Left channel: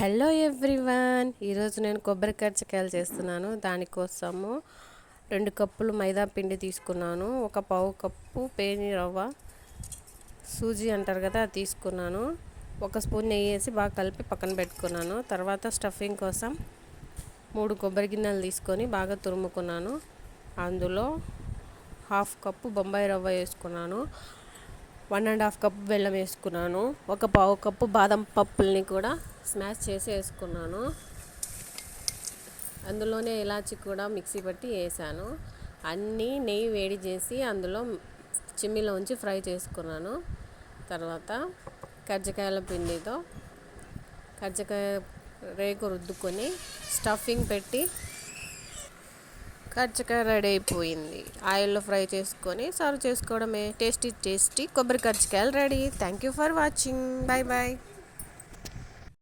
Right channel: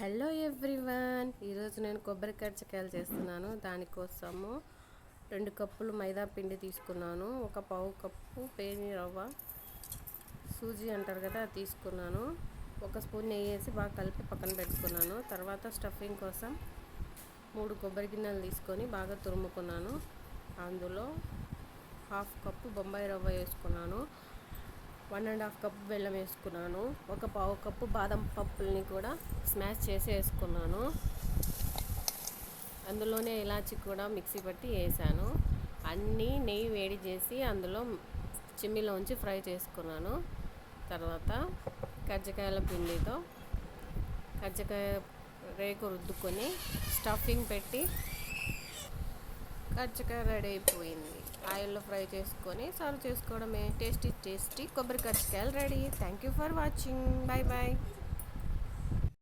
Hello everyone, ఈరోజు నేను కొబ్బరి కజ్జికాయలు చేస్తున్నాను. దానికోసము 2 కప్పులు మైదా పిండి తీసుకున్నాను. ఒక పావు కప్పు పేని రవ్వ, సూజీ అంటారు కదా, అది తీసుకున్నాను. 1 స్పూన్ నెయ్యి వేసి బాగా కలిపి పక్కన పెట్టుకున్నాను. తర్వాత స్టఫింగ్ కోసం 3 కొబ్బరి గిన్నెలు తీసుకొని బాగా తురుముకున్నాను. అందులో 1/2 కప్పు బొంబాయి రవ్వ వేసుకున్నాను. 1.5 కప్పు బెల్లం వేసుకున్నాను. 1 పావు కప్పు బాదం పప్పుల్ని కూడా స్మాష్ చేసి వేసుకున్నాను. అందులోనే ఇలాచి కూడా మిక్సీ పట్టి వేసాను. అన్నీ నెయ్యి వేడి చేసి అందులో చిమ్మిలో ఉంచి ఫ్రై చేసుకున్నాను. తర్వాత కజ్జికాయల పిండితో కజ్జికాయ రేకు రుద్దుకొని స్టఫింగ్ పెట్టి కజ్జికాయ రెడీ అయిపోయింది. ఆయిల్లో ఫ్రై చేసుకొని సర్వ్ చేసుకోవడమే. టేస్టీ కొబ్బరి కజ్జికాయలు ready. Thank you for watching. Bye bye.